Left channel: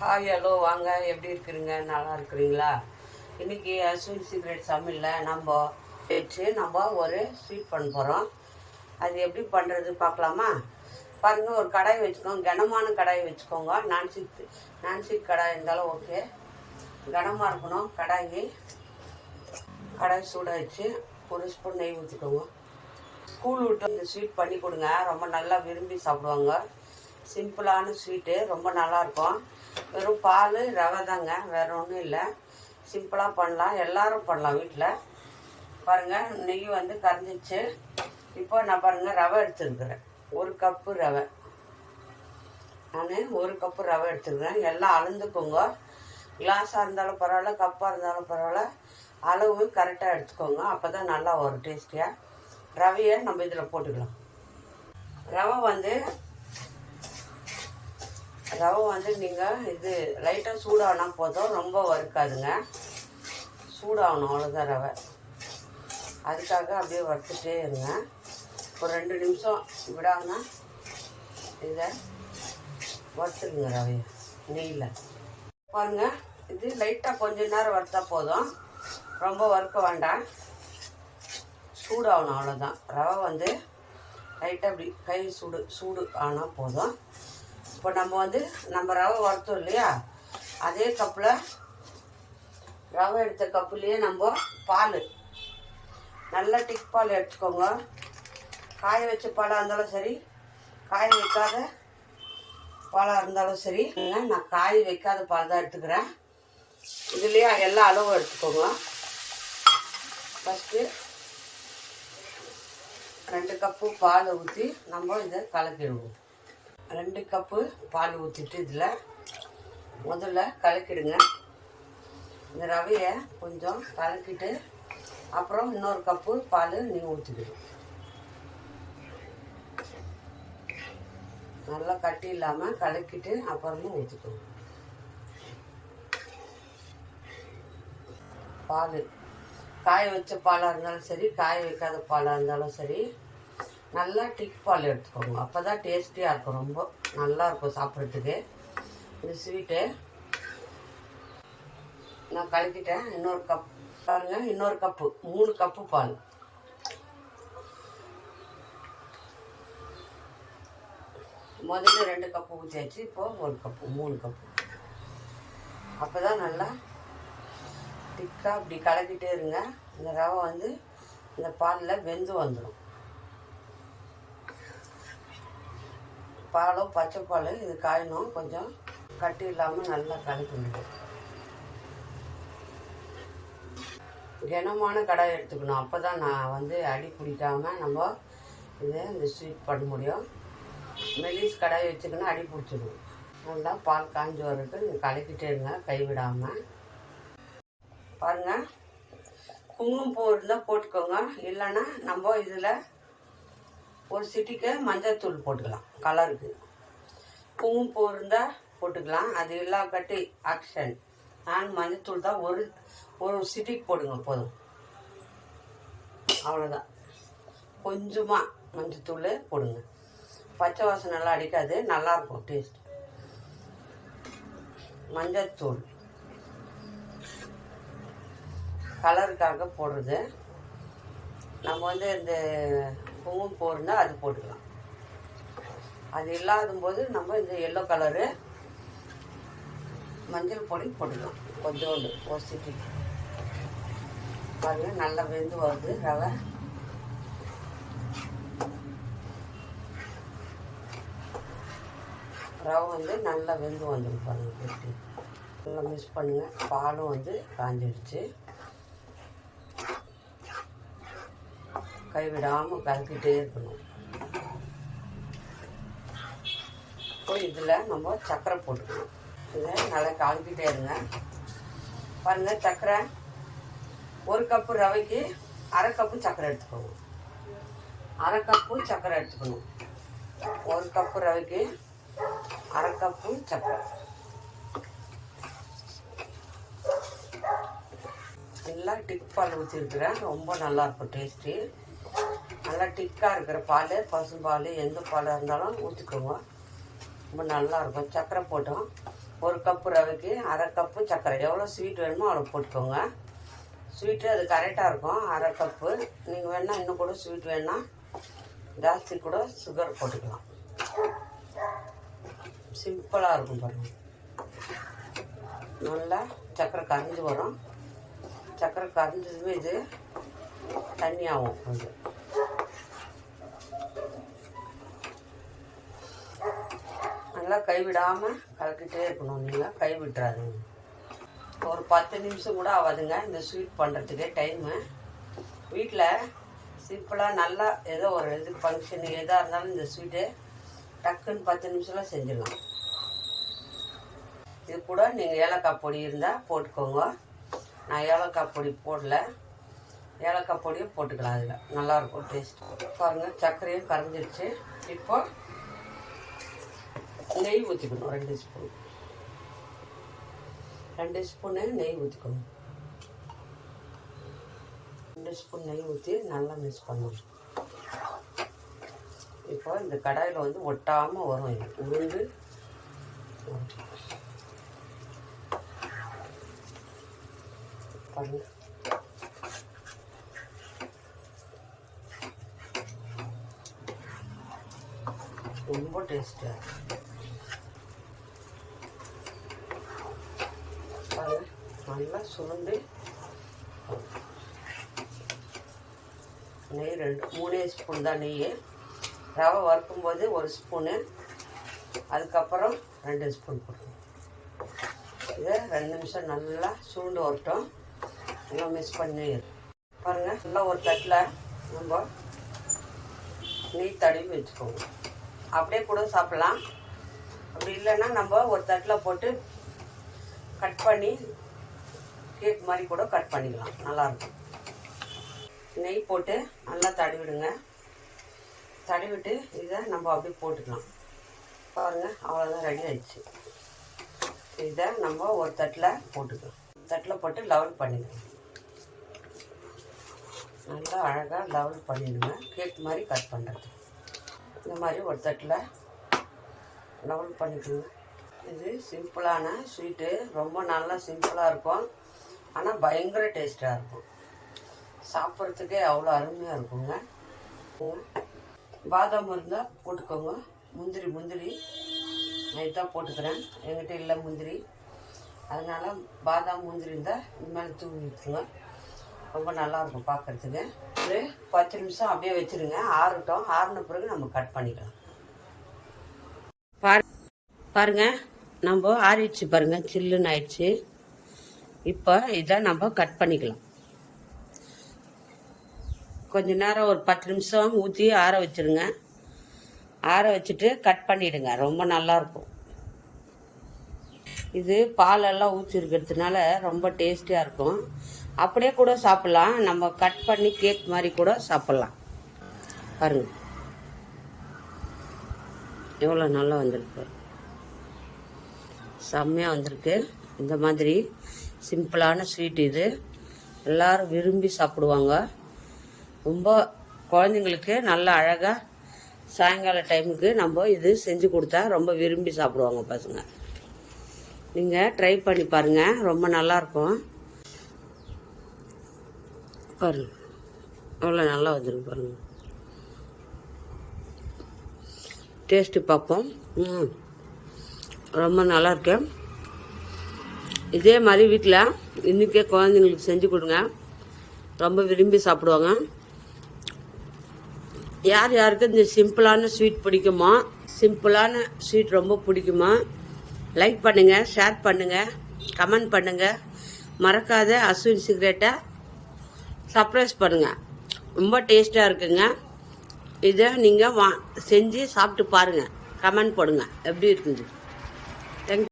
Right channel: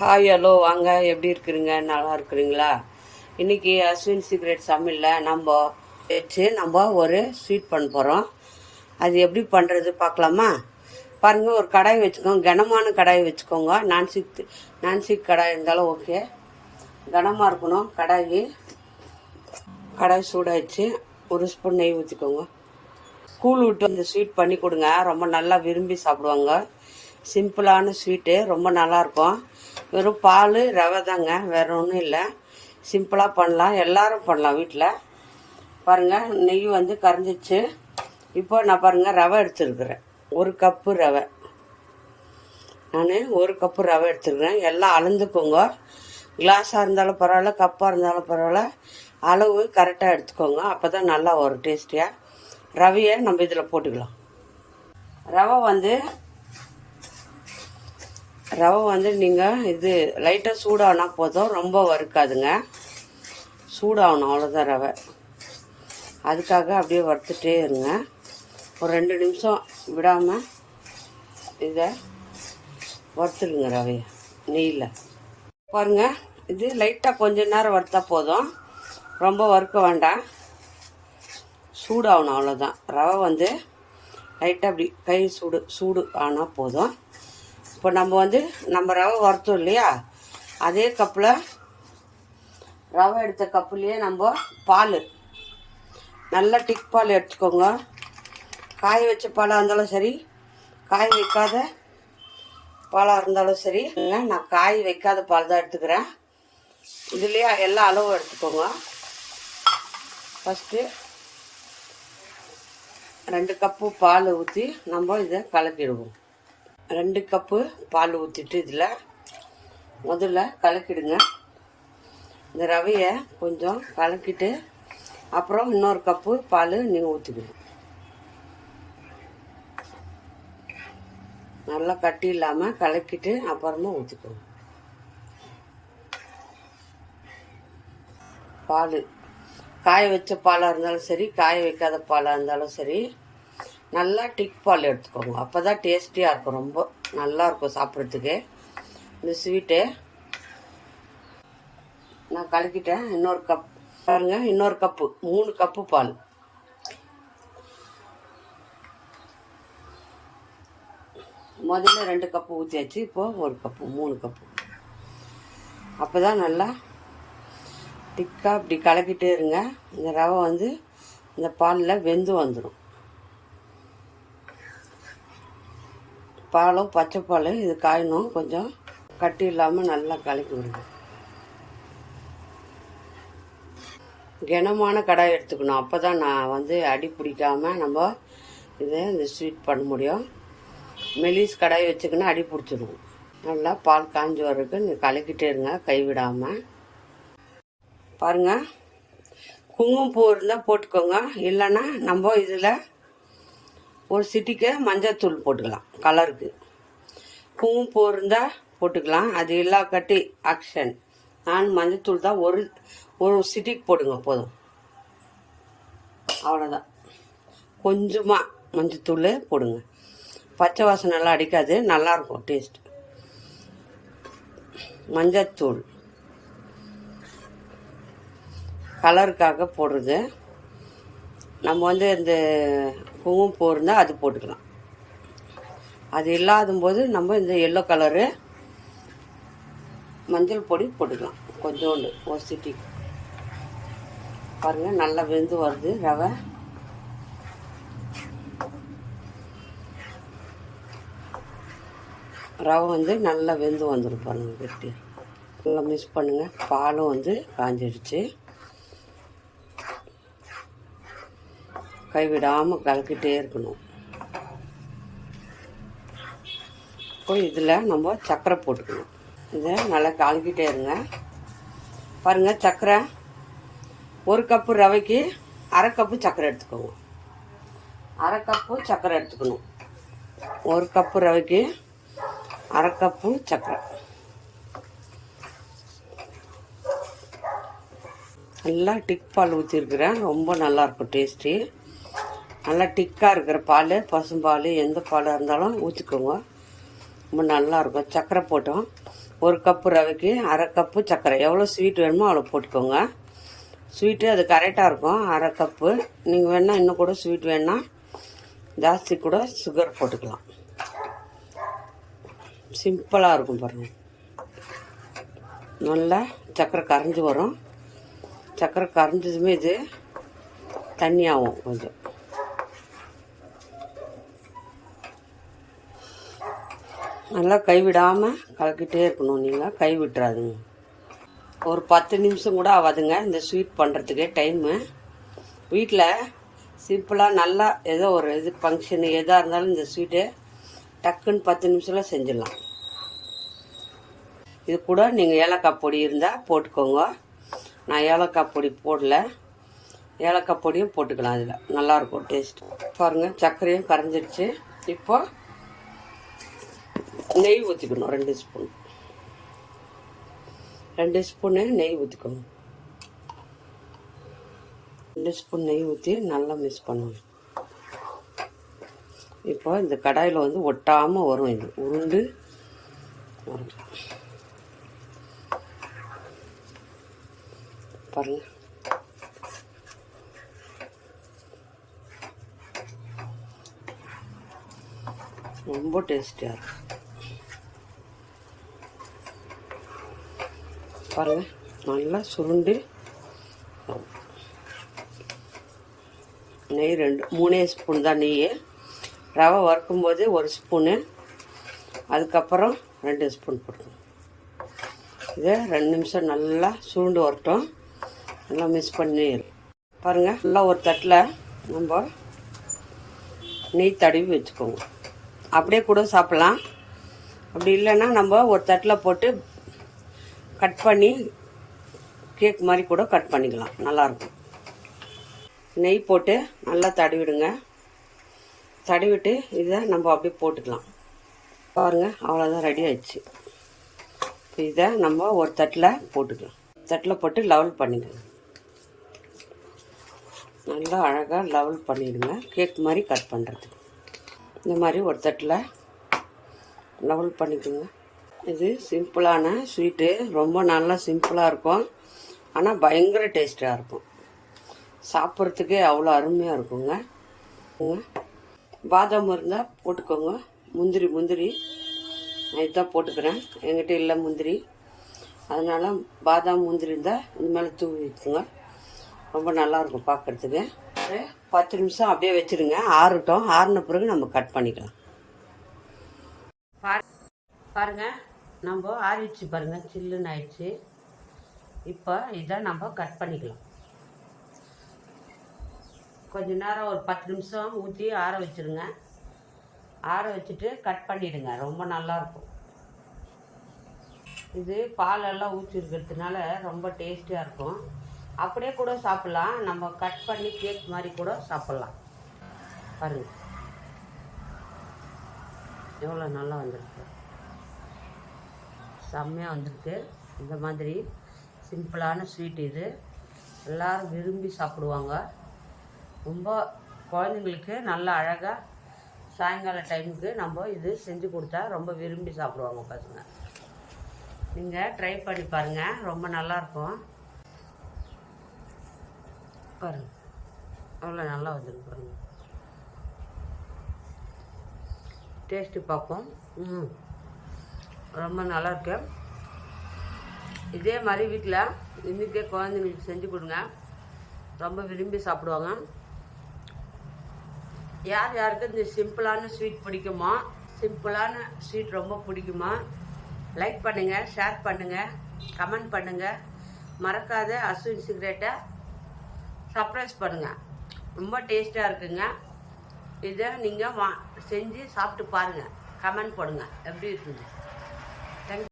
Hi hello வாங்க, எப்படி இருக்கிறீங்க? நல்லா இருக்கிறீங்களா? இன்றைக்கி அஸ்வின் சீக்ரெட் சமையலில் நம்ம ஒரு ஸ்வீட் பண்ண போகிறோம். அது எப்படி பண்ணுறது பார்க்கலாமா? பாருங்கள், ஒரு கடாய் வச்சுக்கோங்க. கனமான கடாய் வச்சுக்கோங்க. நான்ஸ்டிக் கடாய் இருந்தாலும் ஓகே. கனமாக இருக்கணும் கடாய். கடாய் சூடாகிடுச்சு. ஒரு ஸ்பூன் நெய் ஊற்றிக்கோங்க. ஸ்கூல் விட்டு இந்த ஸ்வீட் பண்ணி கொடுங்க, ரொம்ப நல்லா விரும்பி சாப்பிடுவாங்க. சிம்பிளான ஸ்வீட்டு, ரொம்ப நல்லாயிருக்கும். வெறும் பால் ரவை தாங்க, வேறு ஒன்றும் இல்லை. சிம்பிளாக பண்ணலாம், எல்லோரும் பண்ணலாம் வீட்டில். பாருங்கள், நெய் வந்து கரைஞ்சிச்சு. இப்போ நான் பாருங்கள் ரவை எடுத்துருக்குறேன். ஒரு கப்பு ரவை. நான் ஒரு கப்பு ரவை எடுத்துருக்கிறேன். எல்லாம் அளந்துக்கோங்க. கிளாஸாக இருந்தாலும் பரவாயில்ல, கப்பாக இருந்தாலும் பரவாயில்ல, அளவு கரெக்டாக எடுத்துக்கோங்க. அப்போ தான் நல்லா வரும் டேஸ்டியாக. ரவையை நம்ம இதில் போட்டுக்கலாம். ரவை வந்து நீங்கள் இது லைட்டாக சூடானா போதும், ரொம்ப வறுக்காதுங்க. சூடாகணும், அவ்வளோதான் ரவை. அதுக்காக அப்படியே வறுத்துட்டே இருங்க. ஒரு 2 நிமிஷம் விடாமல் இதை வறுத்துடுங்க ரவையை நெய்யில். பாருங்கள், இது லைட்டாக கொஞ்ச நேரம் வறுத்தா போதும், ரொம்ப வறுக்க வேண்டாம். சூடாகணும், அவ்வளோதான். ரவை வந்து லைட்டாக அப்படி கை சூடு ஆனால் போதும். இப்போ நம்ம ரவை வறுத்தோம் இல்லையா, அதே கப்பில் ரவை எடுத்த கப்புலேயே நம்ம பால், நல்லா டிக் பால் எடுத்துக்கோங்க. காய வச்ச பாலாக இருந்தாலும் சரி, காய வைக்காத பாலாக இருந்தாலும் சரி. இல்லை, நான் காய வைக்காத பால் தான் எடுத்துக்கிறேன். இதுலேயே எல்லா அளவும் எடுத்துக்கோங்க. ஃபஸ்ட்டு 2 கப்பு பால் ஊற்றி நம்ம இதை கலக்கிடுவோம். 2 கப்பு பால் ஊற்றிட்டு இதில் முதல்ல கலக்கிடுங்க. இந்த ரவையை கொஞ்சம் கலக்கிட்டு அப்புறம் இன்னொரு கப்பு பால் நீங்கள் ஊற்றிக்கணும். நல்லா கட்டி இல்லாமல் கலக்கிட்டு அப்புறமா ஊற்றிக்கணும். பால் காய வச்ச பாலாக இருந்தாலும் சரி, காய வைக்காத பாலாக இருந்தாலும் சரி, நல்லா டிக் பால் எடுத்துக்கோங்க. அப்போ தான் டேஸ்டியாக இருக்கும், ரொம்ப நல்லாயிருக்கும் சாப்பிட்றதுக்கு இந்த ஸ்வீட்டு. நான் கலக்கிட்டேன். இன்னொரு கப் பாருங்கள், இன்னொரு கப்பு, 3 கப்பு பால். முதல்ல 2 கப்பு ஊற்றியாச்சு, இப்போது 1 கப்பு, 3 கப்பு. அப்போ தான் நல்லா டிக்காக இப்படி கலக்கிட்டே இருங்க. இந்த ரவை வந்து இந்த பாலில் வெந்து வந்துடும். பாலும் பச்சை பால் இது காயணும், கொஞ்சம் கட்டி இல்லாமல் நல்லா கலக்கி விடுங்க. கனமான கடாய் எடுத்துக்கணும். அப்போ தான் நான் வந்து அடி பிடிக்காமல் நம்ம இந்த ஸ்வீட் பண்ண முடியும். மெலிஸ் கடாய் வச்சுக்கினா அடி பிடிச்சிடும். நல்லா பால் காஞ்சி வர்றதுக்கு நீங்கள் கலக்கிட்டே இருங்க, கைவிடாமல். பாருங்கள், குங்குமப்பூ இருந்தால் போட்டுக்கோங்க. இல்லைன்னா நம்ம இதில் ஒரு சிட்டிக்கு மஞ்சள் போட்டுக்கலாம் கலருக்கு. குங்குமப்பூ இருந்தால் போட்டுக்கலாம், அது எல்லா கட்டி ஆக்ஷன். நான் மஞ்சள் தான் ஒரு சிட்டிக்கு போடுங்க போதும், அவ்வளோதான். கொஞ்சமாக மஞ்சள் போடுங்க. பச்சை வாசனை நல்லா அடிக்காது, நல்லாயிருக்கும் டேஸ்ட். மஞ்சள் கலருக்காக போடுறது. நம்ம வந்து இந்த குங்குமப்பூ இருந்தால் அது போட்டுக்கலாம். அது இல்லாத போது நம்ம இந்த எல்லோ கலரு மஞ்சள் பொடி போட்டுக்கலாம், கொஞ்சோண்டு ஒரு சிட்டிக்கு. பாருங்கள், நல்லா வெந்து வருது ரவை. ரவை வந்து நல்லா வெந்து வந்துடும் பாருங்கள், கட்டி. நல்லா மிக்ஸ் பண்ணுங்கள். பாலும் வந்து காஞ்சிடுச்சு. கைவிடாமல் கலக்கிட்டே இருக்கணும். இப்போ இதில் நம்ம சர்க்கரை போட்டுக்கணும். இதை நல்லா கலக்கிட்டே இருங்க. பாருங்கள், சர்க்கரை 1 கப்பு ரவைக்கு 1/2 கப்பு சர்க்கரை எடுத்துக்கோங்க. 1/2 கப்பு சர்க்கரை எடுத்துக்கணும். 1 கப்பு ரவைக்கு 1/2 கப்பு சர்க்கரை. எல்லாம் டிக் பால் ஊற்றிருக்கிறேன், ரொம்ப நல்லாயிருக்கும் டேஸ்ட்டு. நல்லா டிக்காக இருக்கிற பால், பசும்பால், எந்த பாலாக இருந்தாலும் ஊற்றிக்கோங்க, ரொம்ப நல்லாயிருக்கும். சர்க்கரை போட்டோம். 1 கப்பு ரவைக்கு 1/2 கப்பு சர்க்கரை. எவ்வளோ ஸ்வீட் வேணுமோ அவ்வளோ போட்டுக்கோங்க. ஸ்வீட்டு அது கரெக்டாக இருக்கும். 1/2 கப்பு. நீங்கள் வேணால் இன்னும் கூட ஸ்வீட் வேணால் ஜாஸ்தி கூட சுகர் போட்டுக்கலாம். சிம்பிளாக இருக்கும் பாருங்கள். நல்லா சர்க்கரை கரைஞ்சி வரும். சர்க்கரை கரைஞ்சதுமே இது தண்ணியாகும். கொஞ்சம் நல்லா கைவிடாமல் கலக்கிட்டே இருக்கணும். நீங்கள் கை விட்டுறாதுங்க. ஒரு 10 நிமிஷம் கூட ஆகாதுங்க இந்த ஸ்வீட் பண்ணுறதுக்கு டைமு. வீட்டில் சிம்பிளாக நல்லா ஏதோ ஒரு இது ஃபங்க்ஷனு எதாக இருந்தாலும் இந்த ஸ்வீட்டு டக்குன்னு 10 நிமிஷத்தில் செஞ்சிடலாம். இது கூட நீங்கள் ஏலக்காய் பொடி இருந்தால் போட்டுக்கோங்க. நான் ஏலக்காய் பொடி போடல. ஏலக்காய் பொடியும் போட்டுக்கலாம். அதில் நல்லாயிருக்கும் டேஸ்ட். பாருங்கள் சர்க்கரையும் கரைஞ்சிடுச்சு. இப்போ நெய் ஊற்றிக்கணும். 2 ஸ்பூன் 2 ஸ்பூனு நெய் ஊற்றிக்கணும். 2 ஸ்பூன் நெய் ஊற்றி நல்லா மிக்ஸ் பண்ணணும். இப்போ இந்த கடாயில் வந்து ஒட்டாமல் வரும். இது உருண்டு பாருங்க. ரொம்ப டேஸ்டியாக இருக்கும் பாருங்க. நல்லா சுருண்டு நெய் 3 ஸ்பூன் தான் நெய். ரவை வறுக்கும்போது 1 ஸ்பூனு, அதுக்கப்புறம் 2 ஸ்பூன் போடணும். இதை 2 நிமிஷம் நல்லா சுருண்டு வரட்டும். நல்லா மிக்ஸ் பண்ணி பாருங்கள். நல்லா ஒரு தட்டில் நம்ம நெய் தடவி வச்சுக்கோங்க. அப்படியே கூட சாப்பிட்லாம். அப்படி இல்லைன்னா நம்ம ஒரு தட்டில் போட்டு கட் பண்ணி கேக் மாதிரி கூட கட் பண்ணிக்கலாம். நல்லாயிருக்கும். நெய் போட்டு நல்லா தடவிடுங்க. தடவிட்டு இதை நம்ம அப்படியே போட்டுக்கலாம். பாருங்கள், அவ்வளோதான் ரெடி ஆயிடுச்சு. இதை நம்ம ஒரு தட்டில் போட்டுக்கலாம். தட்டில் போட்டு லெவல் பண்ணிக்கலாம். நல்லா அழகாக லெவல் பண்ணிவிடுங்க. கேக் மாதிரி கட் பண்ணுறதுக்கு இந்த மாதிரி ஒரு தட்டில் லெவல் பண்ணிக்கோங்க. இது சிம்பிளான ஸ்வீட்டு. ரொம்ப நல்லா சிம்பிளாக இருக்கும். ஆனால் பயங்கர டேஸ்ட்டாக இருக்கும். சாப்பிட்றதுக்கே அவ்வளோ அருமையாக இருக்குங்க. பாதாம் இருந்தால் போட்டுக்கோங்க. முந்திரி நான் இதான் போட்டுக்கிறேன். என்கிட்ட இல்லை முந்திரி. அதனால் பாதாம் முந்திரி இருந்தால் இந்த மேலே தூவி வச்சுங்க. ரொம்ப நல்லாயிருக்கும் பார்க்குறதுக்கு. ஒரு 10 நிமிஷம் அப்படியே வச்சுருங்க. ஆறட்டும். ஆறின பிறகு நம்ம கட் பண்ணிக்கலாம். பாருங்கள், நம்ம ஆறிடுச்சு பாருங்கள். சில்லுன்னு ஆயிடுச்சு. இப்போ இதை நம்ம கட் பண்ணிக்கலாம். கொஞ்ச நேரம் ஒரு 10 நிமிஷம் ஊற்றி ஆற வச்சுருங்க. ஆற வச்சுட்டு கட் பண்ணிவிடுங்க. ரொம்ப நல்லாயிருக்கும். இது பாலெல்லாம் ஊற்றி இருக்கிறதுனால ரொம்ப டேஸ்டியாக இருக்கும். அப்படியே கூட சாப்பிட்லாம். நம்ம கட் பண்ணி கேக் மாதிரி கூட சாப்பிட்லாம். பாருங்கள் எவ்வளோ நல்லா வந்திருக்கு. செம்மையாக வந்திருக்கு. இந்த மாதிரி சிம்பிளான ஸ்வீட் இது எல்லோரும் விரும்பி சாப்பிடுவாங்க. ரொம்ப குழந்தைங்களுக்கு நல்லா அழகாக சாயங்கால டைமுக்கு நம்ம இது செஞ்சு கொடுத்தா ரொம்ப விரும்பி சாப்பிடுவாங்க பசங்க. நீங்கள் ட்ரை பண்ணி பாருங்கள். ரொம்ப நல்லாயிருக்கும். பாருங்கள் அவ்வளோ நல்லா வந்துருக்கு பாருங்கள். டேஸ்ட்டு பார்ப்போம். ரொம்ப நல்லாயிருக்கு. இதே மாதிரி வீட்டில் இன்றைக்கே குழந்தைங்களுக்கு செஞ்சு கொடுங்க. ரொம்ப விரும்பி சாப்பிடுவாங்க. யார் யாருக்கு இந்த சிம்பிளான ஸ்வீட் பிடிக்குமோ, சிம்பிளான ஸ்வீட் ரொம்ப பிடிக்குமோ, லைக் பண்ணுங்கள், ஷேர் பண்ணுங்கள், கமெண்ட் பண்ணுங்கள். மறக்காத அஸ்வின் சீக்ரெட்டை சர்ப்ரைஸ் பண்ணுங்கள். ரொம்ப டேஸ்ட்டாக இருக்குங்க. இதை நீங்கள் செஞ்சு சாப்பிட்டு பாருங்கள். கமெண்ட் போடுங்க எப்படி இருக்குது.